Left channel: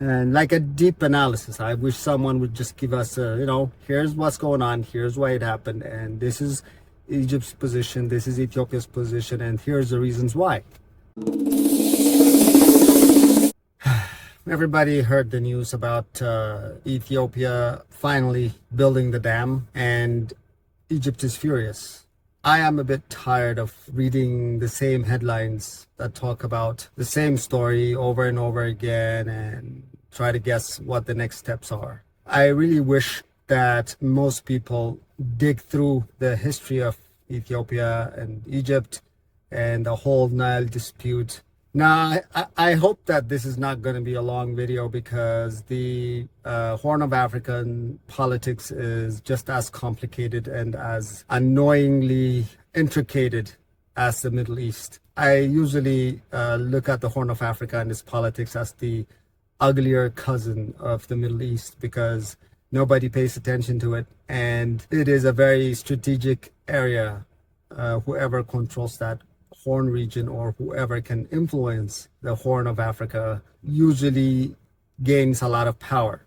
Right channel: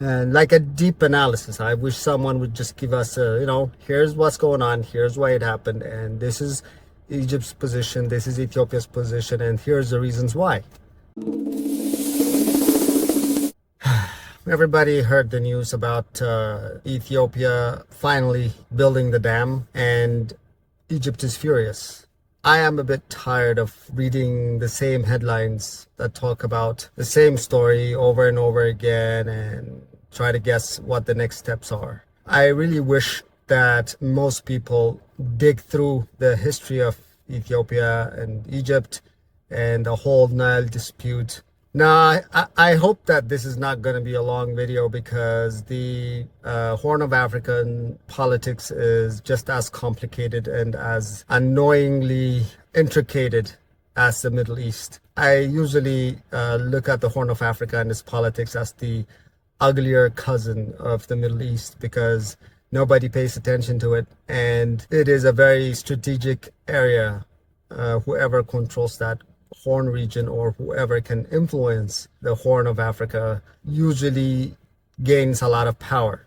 and like a deep analysis. I wish someone would just give us here's what's going on, here's why it happened, and this is Egypt's position, this is Ethiopia's position, and here's the reasons why. Everybody heard the news about Ethiopia finally building the dam, and Egypt is furious. I am a bit tired of reading the same headlines that talk about the same story over and over again and try to guess what the next steps are. I really wish that most people dig through the history of Ethiopia and Egypt and the whole Nile dispute. Now, I hope that this is not going to be a long video, because the Horn of African politics is just as complicated and as annoyingly intricated as the Middle East. I usually look at the Horn of Africa and its politics as the uglier cousin of the Middle East, because nobody pays attention to it, and it is a very strategic area. Whoever controls that Horn region, or whoever can influence the Horn of Africa, usually gains a lot of power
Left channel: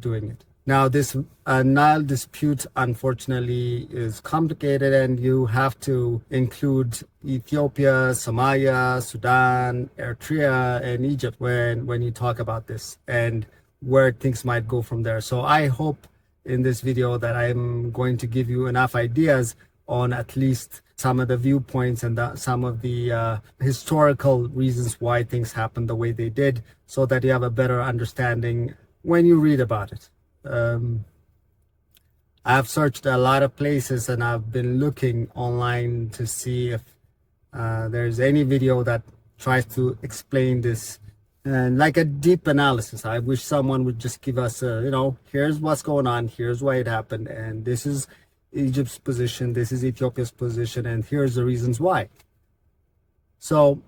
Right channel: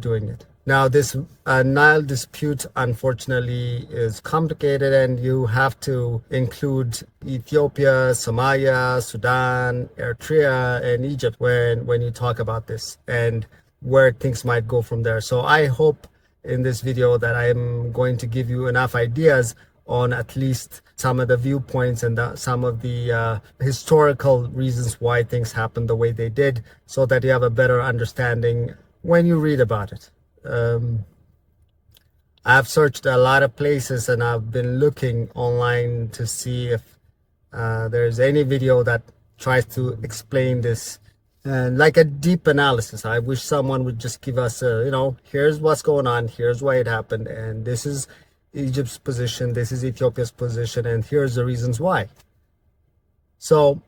doing it. Now, this Nile dispute, unfortunately, is complicated, and you have to include Ethiopia, Somalia, Sudan, Eritrea, and Egypt when you talk about this, and where things might go from there. So I hope in this video that I'm going to give you enough ideas on at least some of the viewpoints and some of the historical reasons why things happened the way they did, so that you have a better understanding when you read about it. I've searched a lot of places, and I've been looking online to see if there's any video that tries to explain this, and like a deep analysis. I wish someone would just give us here's what's going on, here's why it happened, and this is Egypt's position, this is Ethiopia's position, and here's the reasons why. So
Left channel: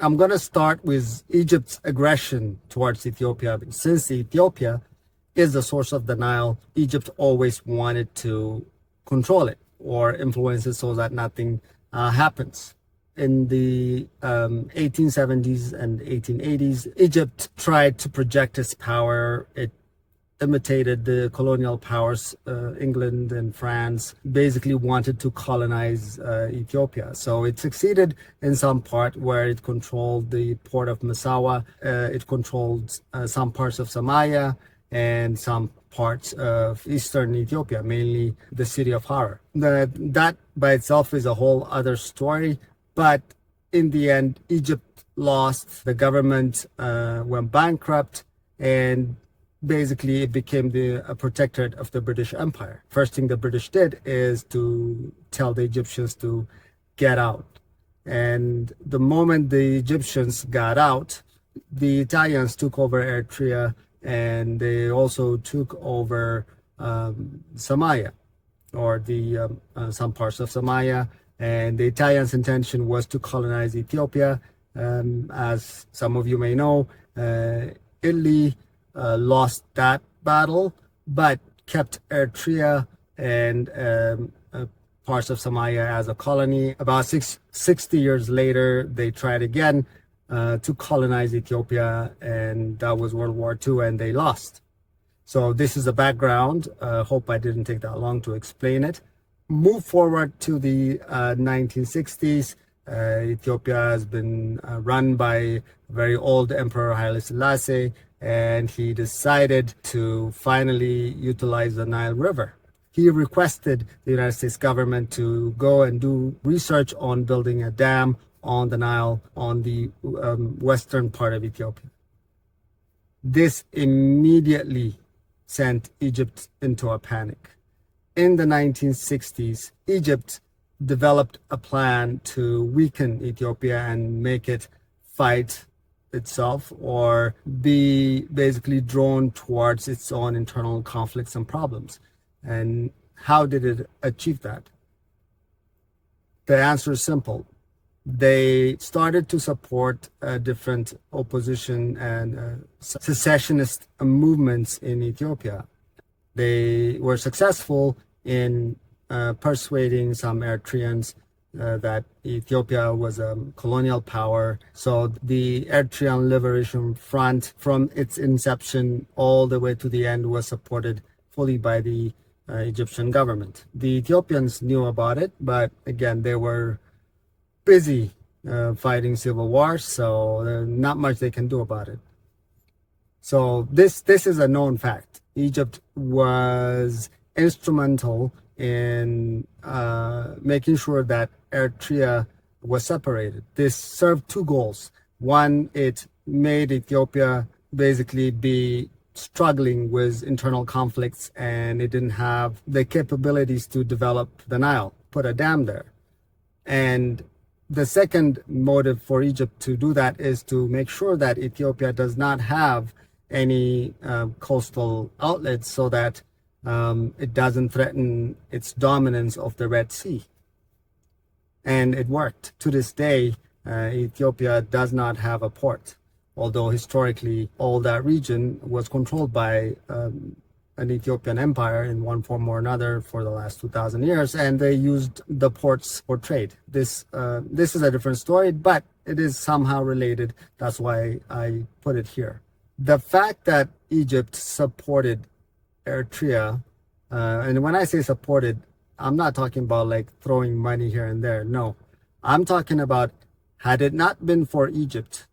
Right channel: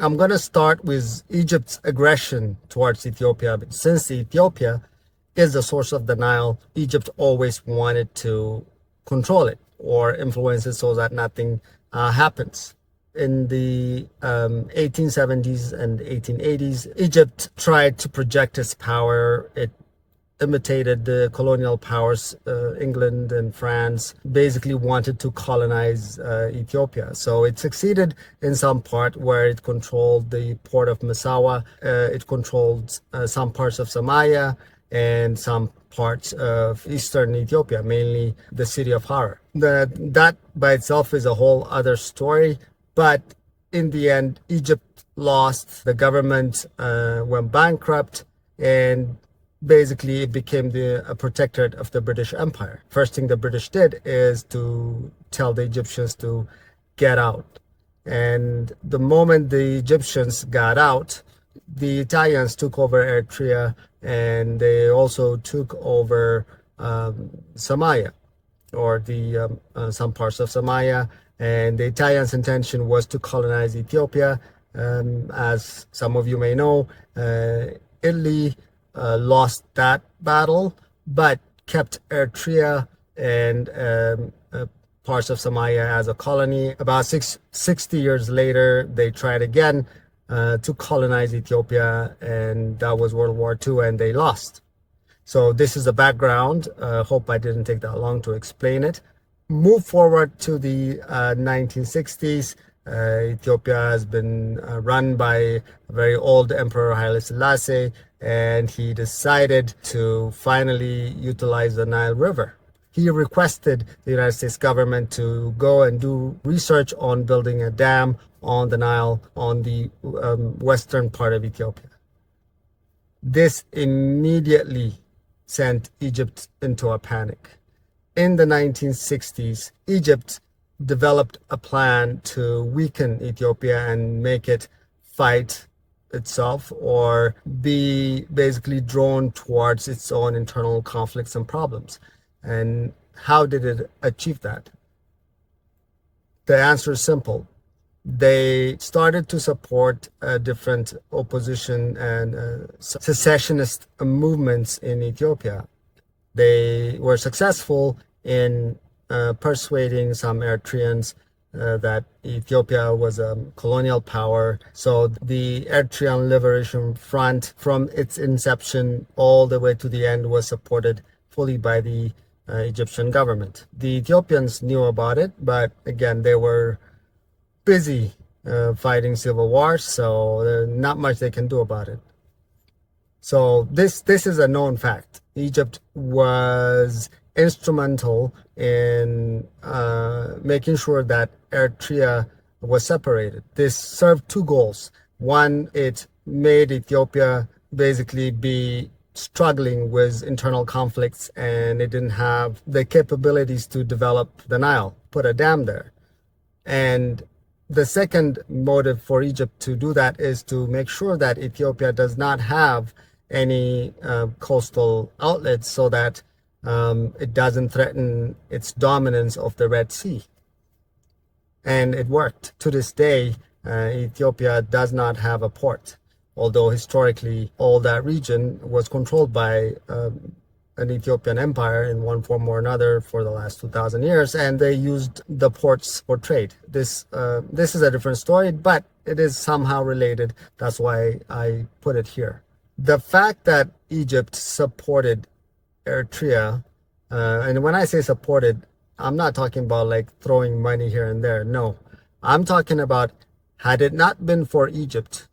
I'm going to start with Egypt's aggression towards Ethiopia. Since Ethiopia is the source of the Nile, Egypt always wanted to control it or influence it so that nothing happens. In the 1870s and 1880s, Egypt tried to project its power. It imitated the colonial powers. England and France basically wanted to colonize Ethiopia. So it succeeded in some part, where it controlled the port of Massawa. It controlled some parts of Somalia and some parts of eastern Ethiopia, mainly the city of Harar. That by itself is a whole other story. But in the end, Egypt lost. The government went bankrupt, and basically it became a protectorate of the British Empire. First thing the British did is to tell the Egyptians to get out. And the moment the Egyptians got out, the Italians took over Eritrea, and they also took over Somalia, or some parts of Somalia. And the Italians' intention was to colonize Ethiopia. As some of you may know, Italy lost that battle, but kept Eritrea and parts of Somalia as a colony. About 60 years later, they tried again to colonize Ethiopia, and that was World War II, and they lost. So this is the background. Hope I didn't take that long to explain it. Move forward to the 1960s. Ethiopia has been run by a very old Emperor Haile Selassie, and he decided to finally utilize the Nile River. He requested the United States government to go and do research on building a dam on the Nile on the western part of Ethiopia. This immediately sent Egypt into a panic. In the 1960s, Egypt developed a plan to weaken Ethiopia and make it fight itself, or be basically drawn towards its own internal conflicts and problems. And how did it achieve that? The answer is simple. They started to support different opposition and secessionist movements in Ethiopia. They were successful in persuading some Eritreans that Ethiopia was a colonial power. So the Eritrean Liberation Front, from its inception all the way to the end, was supported fully by the Egyptian government. The Ethiopians knew about it, but again, they were busy fighting civil wars, so there's not much they can do about it. So this is a known fact. Egypt was instrumental in making sure that Eritrea was separated. This served two goals. One, it made Ethiopia basically be struggling with internal conflicts, and it didn't have the capabilities to develop the Nile, put a dam there. And the second motive for Egypt to do that is to make sure that Ethiopia does not have any coastal outlets, so that it doesn't threaten its dominance of the Red Sea. And it worked. To this day, Ethiopia does not have a port, although historically all that region was controlled by an Ethiopian empire in one form or another for the last 2,000 years, and they used the ports for trade. This is a different story, but it is somehow related. That's why I put it here. The fact that Egypt supported Eritrea, and when I say supported, I'm not talking about like throwing money here and there. No, I'm talking about, had it not been for Egypt,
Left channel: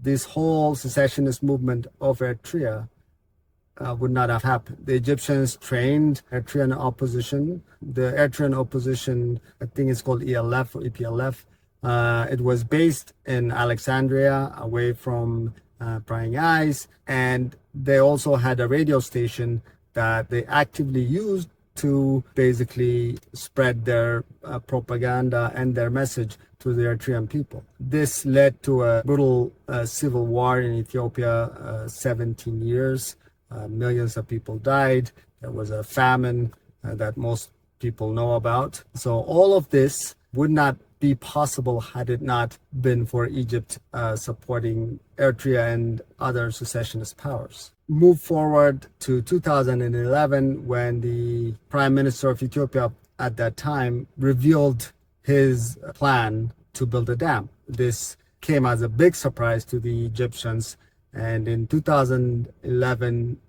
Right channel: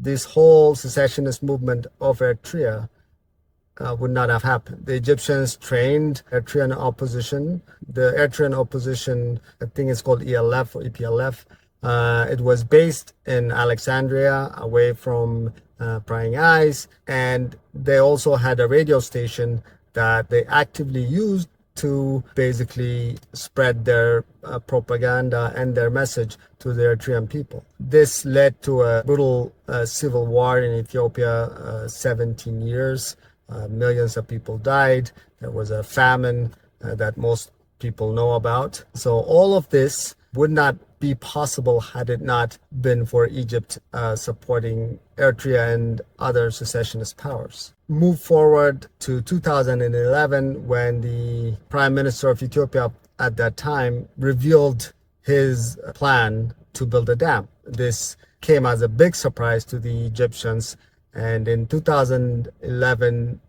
this whole secessionist movement of Eritrea would not have happened. The Egyptians trained Eritrean opposition. The Eritrean opposition, I think it's called ELF or EPLF. It was based in Alexandria, away from prying eyes, and they also had a radio station that they actively used to basically spread their propaganda and their message to the Eritrean people. This led to a brutal civil war in Ethiopia, 17 years. Millions of people died. There was a famine that most people know about. So all of this would not be possible had it not been for Egypt supporting Eritrea and other secessionist powers. Move forward to 2011, when the Prime Minister of Ethiopia at that time revealed his plan to build a dam. This came as a big surprise to the Egyptians, and in 2011,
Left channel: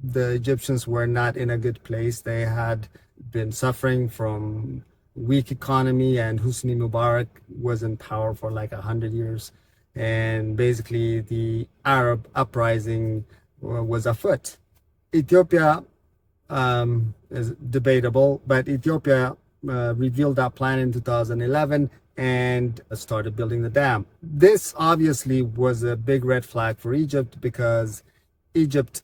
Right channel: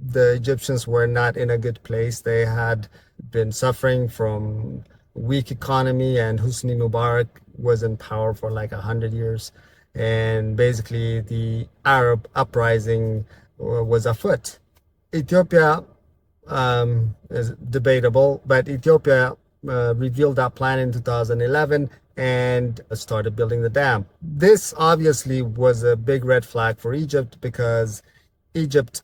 the Egyptians were not in a good place. They had been suffering from weak economy, and Hosni Mubarak was in power for like 100 years. And basically the Arab uprising was afoot. Ethiopia is debatable, but Ethiopia revealed that plan in 2011 and started building the dam. This obviously was a big red flag for Egypt, because Egypt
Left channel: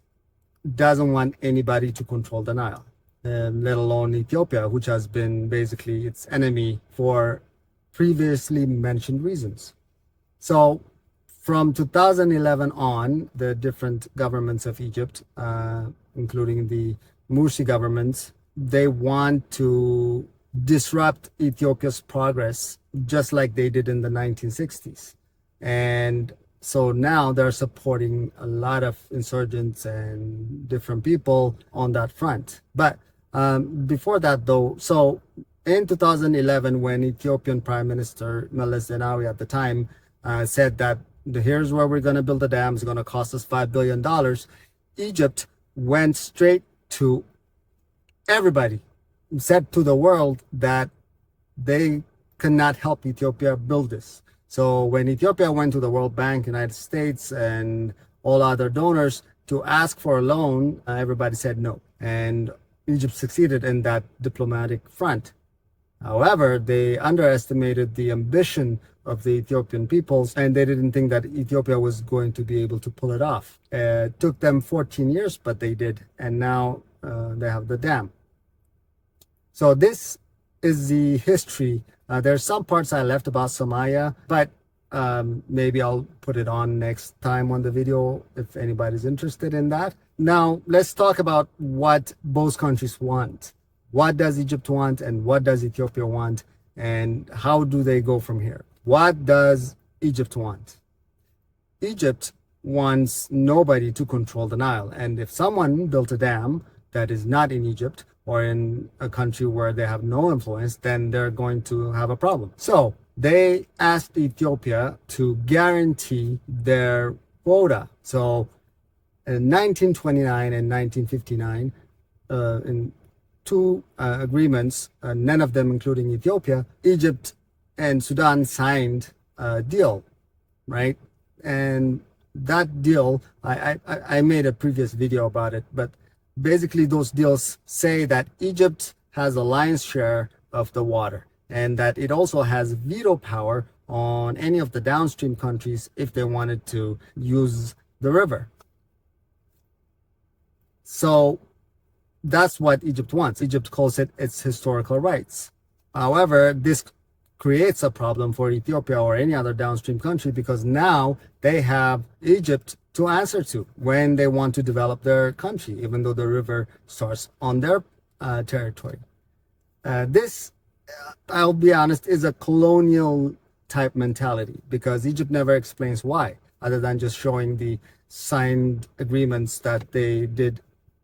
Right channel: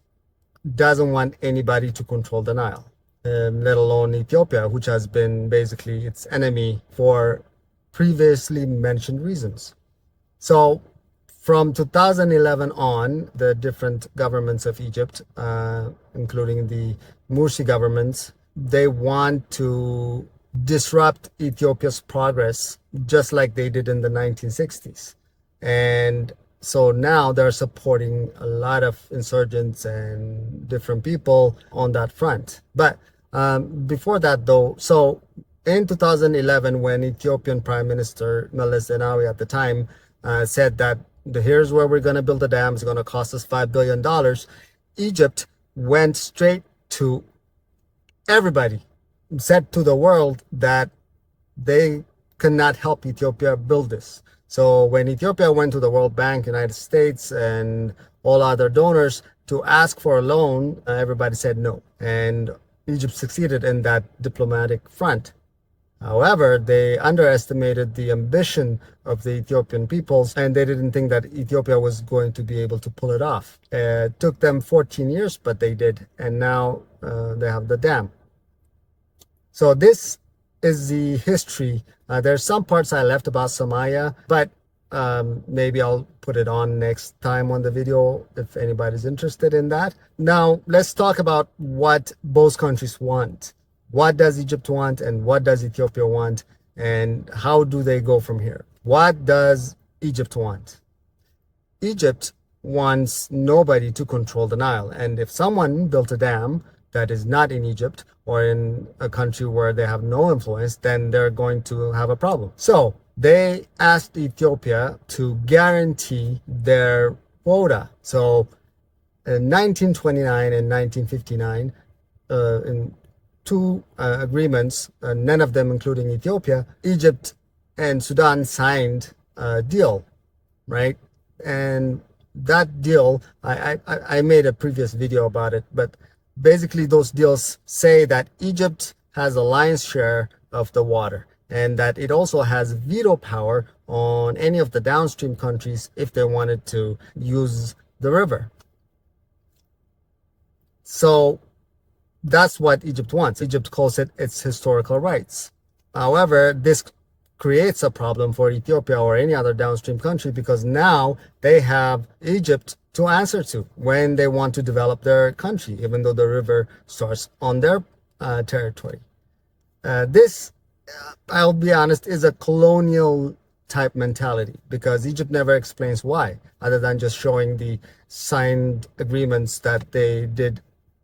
doesn't want anybody to control the Nile, let alone Ethiopia, which has been basically its enemy for previously mentioned reasons. So from 2011 on, the different governments of Egypt, including the Morsi government, they want to disrupt Ethiopia's progress, just like they did in the 1960s. And so now they're supporting a lot of insurgents and different people on that front. But before that, though, so in 2011, when Ethiopian Prime Minister Meles Zenawi at the time said that here's where we're going to build a dam, it's going to cost us $5 billion, Egypt went straight to everybody, said to the world that they cannot help Ethiopia build this. So when Ethiopia went to the World Bank, United States, and all other donors to ask for a loan, everybody said no. And Egypt succeeded in that diplomatic front. However, they underestimated the ambition of the Ethiopian peoples, and they didn't think that Ethiopia was going to be able to pull it off. It took them 14 years, but they did. And now they have the dam. So this is the history. There's some parts I left about Somalia, but maybe I'll put it on next time on the video if anybody's interested in that. Now, let's talk about what both countries want. What does Egypt want and what does Ethiopia want, and how do they go from here? What does Egypt want? Egypt wants nobody to control the Nile. And if someone built a dam, that is not in Egypt or in a country where they have no influence, then they're going to have a problem. So they asked Ethiopia to guarantee their quota. So in 1929 and 1959, in two agreements, none of them including Ethiopia, Egypt and Sudan signed a deal, right? And that deal, I made a previous video about it, but basically those deals say that Egypt has a lion's share of the water and that it also has veto power on any of the downstream countries if they wanted to use the river. So that's what Egypt wants. Egypt calls it its historical rights. However, this creates a problem for Ethiopia or any other downstream country because now they have Egypt to answer to when they want to develop their country, even though the river starts on their territory. This, I'll be honest, is a colonial type mentality because Egypt never explains why, other than just showing the signed agreements that they did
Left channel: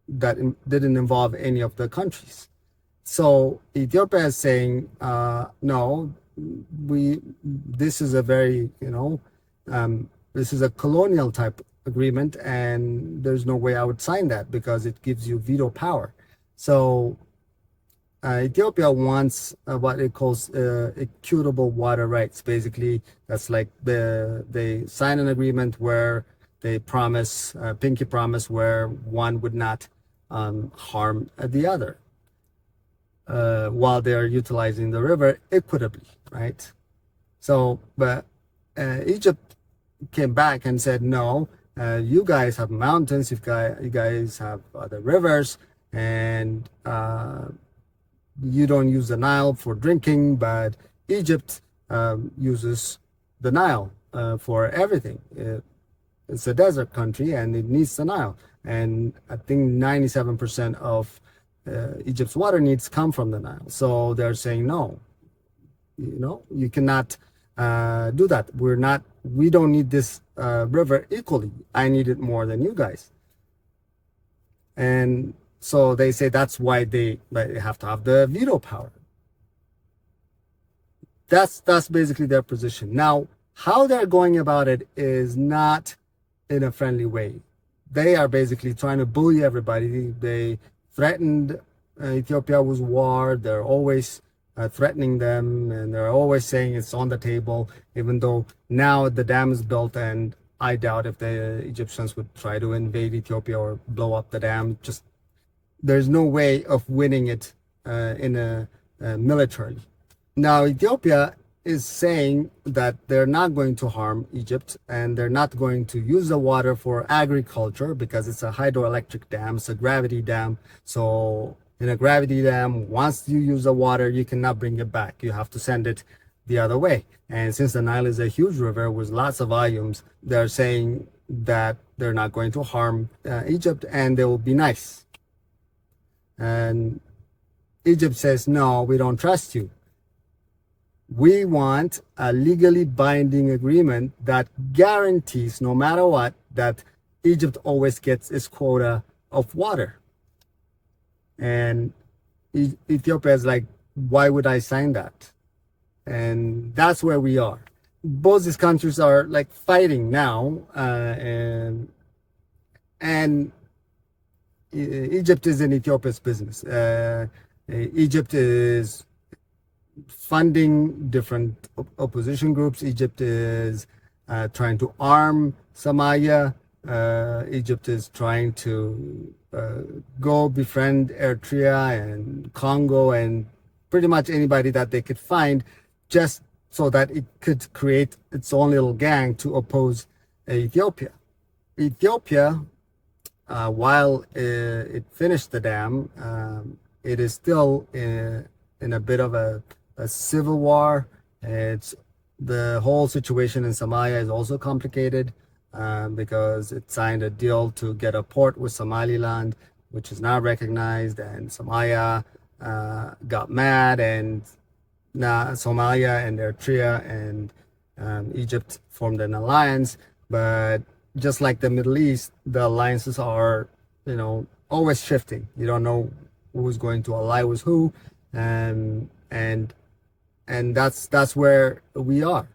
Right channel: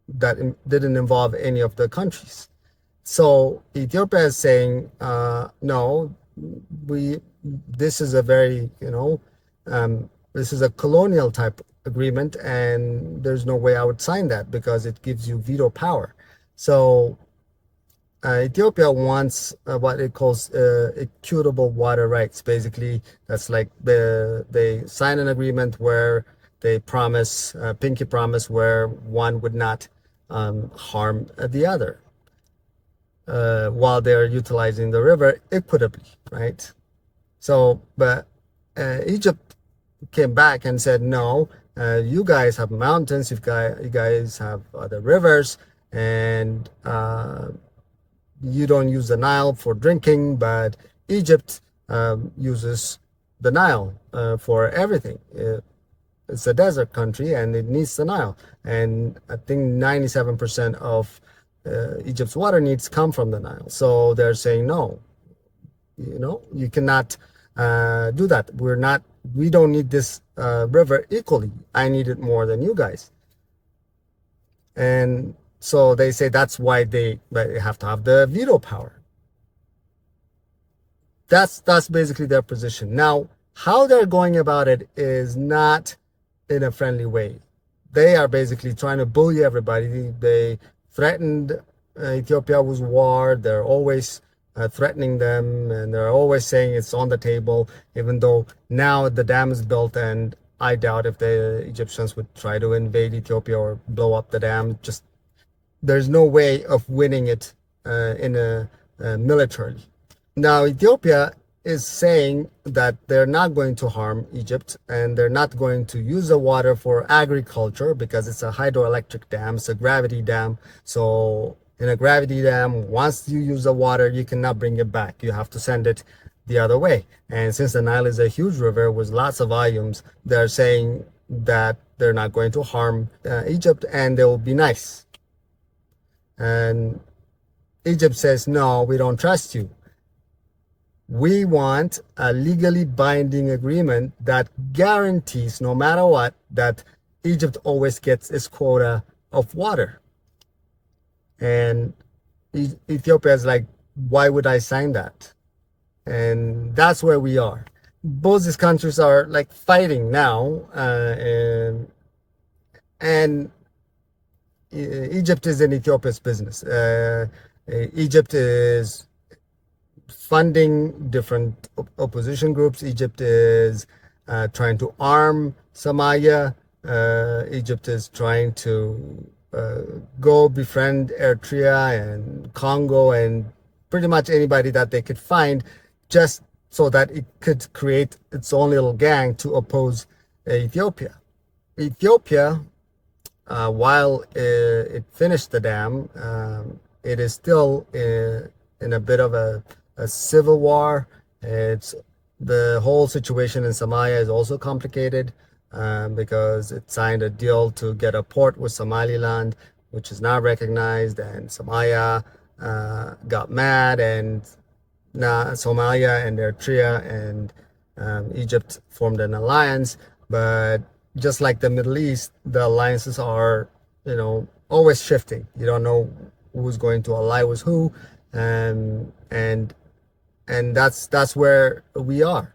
that didn't involve any of the countries. So Ethiopia is saying, no, this is a very, this is a colonial type agreement and there's no way I would sign that because it gives you veto power. So Ethiopia wants what it calls equitable water rights. Basically, that's like they sign an agreement where they promise, pinky promise, where one would not harm the other while they're utilizing the river equitably, right? So, but Egypt came back and said, no, you guys have mountains, you guys have other rivers, and you don't use the Nile for drinking, but Egypt uses the Nile for everything. It's a desert country and it needs the Nile. And I think 97% of Egypt's water needs come from the Nile. So they're saying, no, you cannot do that. We don't need this river equally. I need it more than you guys. And so they say that's why they have to have the veto power. That's basically their position. Now, how they're going about it is not in a friendly way. They are basically trying to bully everybody. They threatened Ethiopia with war. They're always threatening them, and they're always saying it's on the table, even though now the dam is built, and I doubt if the Egyptians would try to invade Ethiopia or blow up the dam. Just there's no way of winning it militarily. Now, Ethiopia is saying that they're not going to harm Egypt and they're not going to use the water for agriculture because it's a hydroelectric dam, it's a gravity dam. So in a gravity dam, once you use the water, you cannot bring it back. You have to send it the other way. And since the Nile is a huge river with lots of volumes, they're saying that they're not going to harm Egypt and they will be nice. And Egypt says, no, we don't trust you. We want a legally binding agreement that guarantees, no matter what, that Egypt always gets its quota of water. And Ethiopia is like, why would I sign that? And that's where we are. Both these countries are like fighting now, and Egypt is in Ethiopia's business. Egypt is funding different opposition groups. Egypt is trying to arm Somalia. Egypt is trying to go befriend Eritrea and Congo and pretty much anybody that they could find, just so that it could create its own little gang to oppose Ethiopia. Ethiopia, while it finished the dam, it is still in a bit of a civil war. The whole situation in Somalia is also complicated because it signed a deal to get a port with Somaliland, which is not recognized, and Somalia got mad, and now Somalia and Eritrea and Egypt formed an alliance. But just like the Middle East, the alliances are, always shifting. You don't know who's going to ally with who, and that's where we are.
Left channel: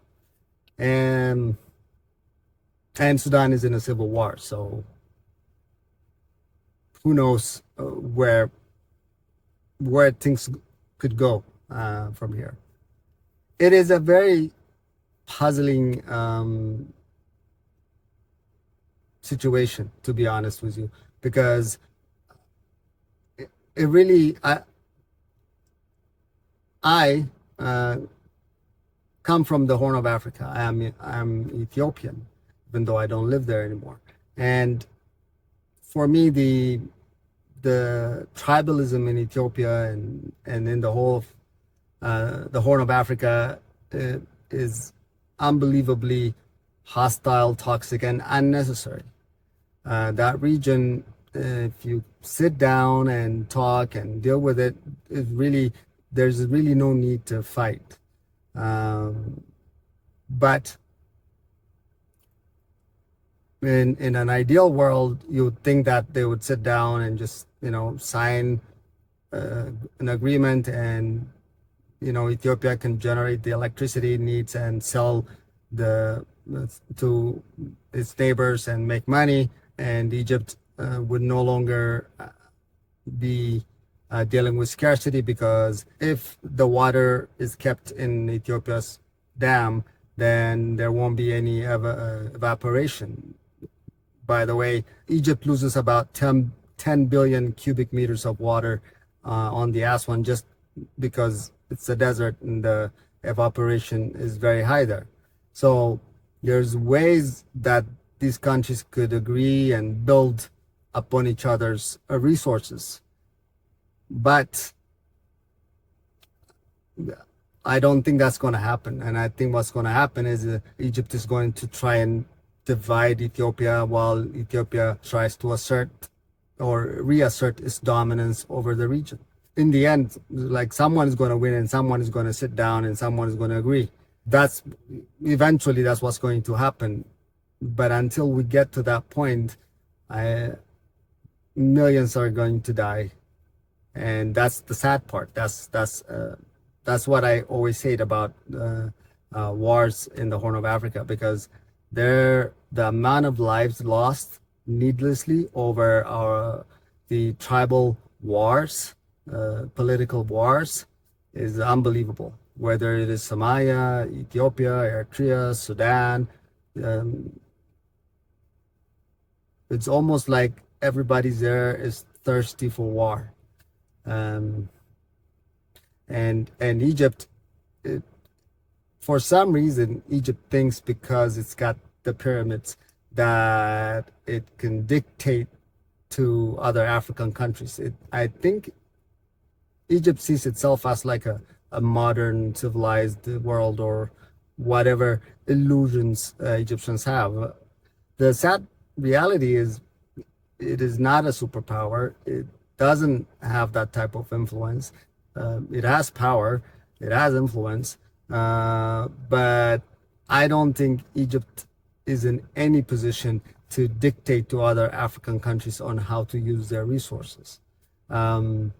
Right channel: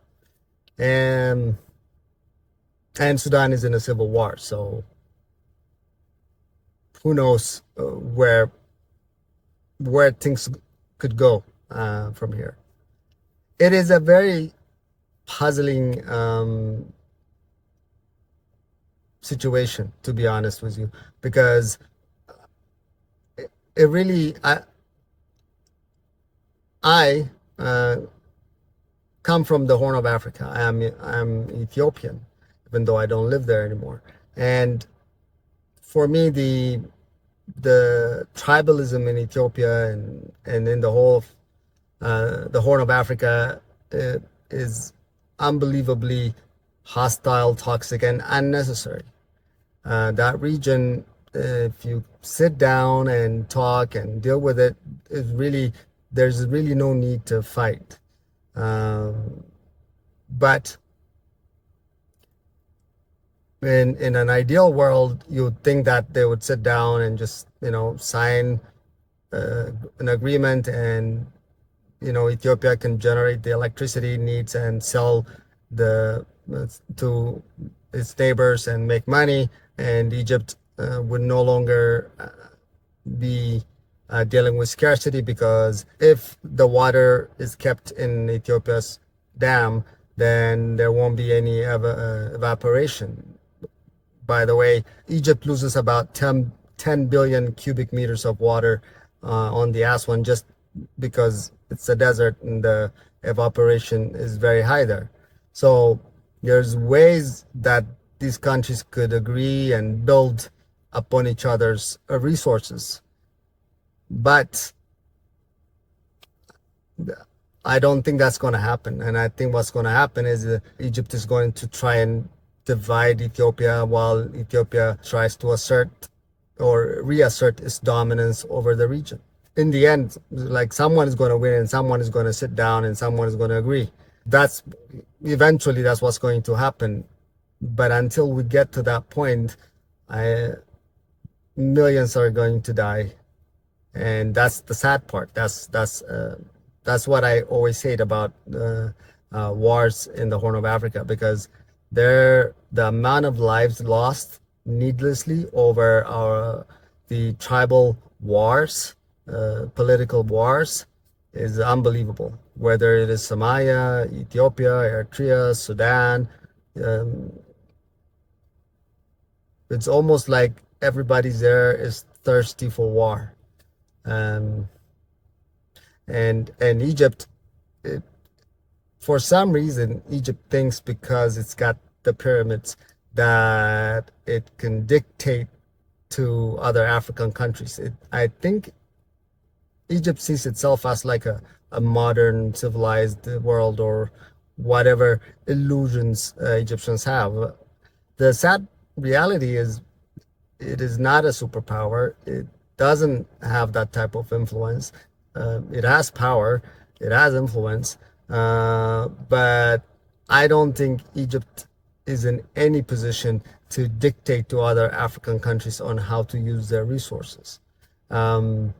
And Sudan is in a civil war, so who knows where things could go from here. It is a very puzzling situation, to be honest with you, because it really, I come from the Horn of Africa. I'm Ethiopian, even though I don't live there anymore. And for me, the tribalism in Ethiopia and in the whole of the Horn of Africa is unbelievably hostile, toxic, and unnecessary. That region, if you sit down and talk and deal with it, there's really no need to fight. But in an ideal world, you'd think that they would sit down and just, sign an agreement, and Ethiopia can generate the electricity it needs and sell to its neighbors and make money, and Egypt would no longer be dealing with scarcity, because if the water is kept in Ethiopia's dam, then there won't be any evaporation. By the way, Egypt loses about 10 billion cubic meters of water on the Aswan, just because it's a desert and the evaporation is very high there. So there's ways that these countries could agree and build upon each other's resources. But I don't think that's going to happen. And I think what's going to happen is Egypt is going to try and divide Ethiopia, while Ethiopia tries to assert or reassert its dominance over the region. In the end, like, someone is going to win and someone is going to sit down and someone is going to agree. Eventually that's what's going to happen. But until we get to that point, millions are going to die. And that's the sad part. That's what I always hate about wars in the Horn of Africa, because the amount of lives lost needlessly over the tribal wars, political wars, is unbelievable. Whether it is Somalia, Ethiopia, Eritrea, Sudan, it's almost like everybody there is thirsty for war. And Egypt, for some reason, Egypt thinks because it's got the pyramids that it can dictate to other African countries. I think Egypt sees itself as like a modern civilized world, or whatever illusions Egyptians have. The sad reality is it is not a superpower. It doesn't have that type of influence. It has power, it has influence, but I don't think Egypt is in any position to dictate to other African countries on how to use their resources. By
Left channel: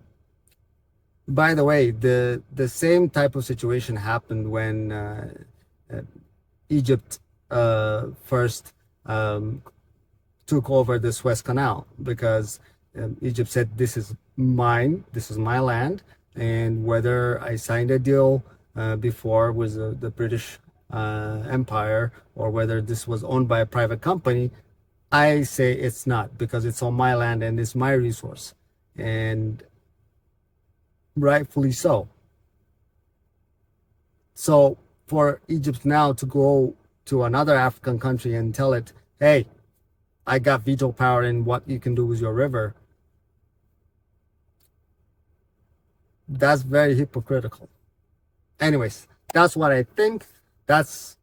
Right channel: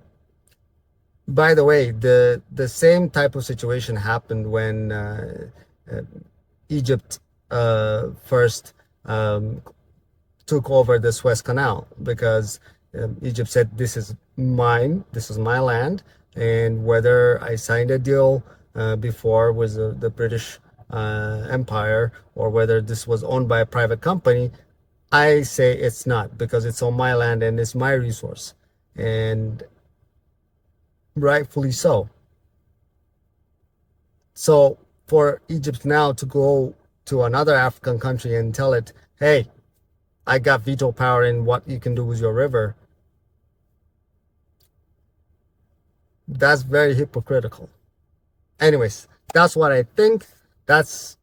the way, the same type of situation happened when Egypt first took over the Suez Canal, because Egypt said, this is mine, this is my land, and whether I signed a deal before with the British Empire, or whether this was owned by a private company, I say it's not, because it's on my land and it's my resource, and rightfully so. So for Egypt now to go to another African country and tell it, hey, I got veto power in what you can do with your river, that's very hypocritical. Anyways, that's what I think. That's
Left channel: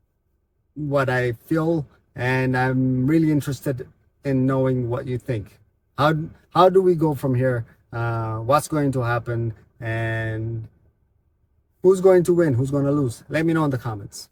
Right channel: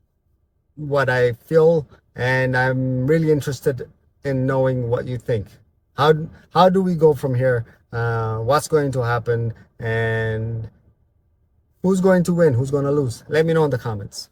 what I feel. And I'm really interested in knowing what you think. How do we go from here? What's going to happen? And who's going to win? Who's going to lose? Let me know in the comments.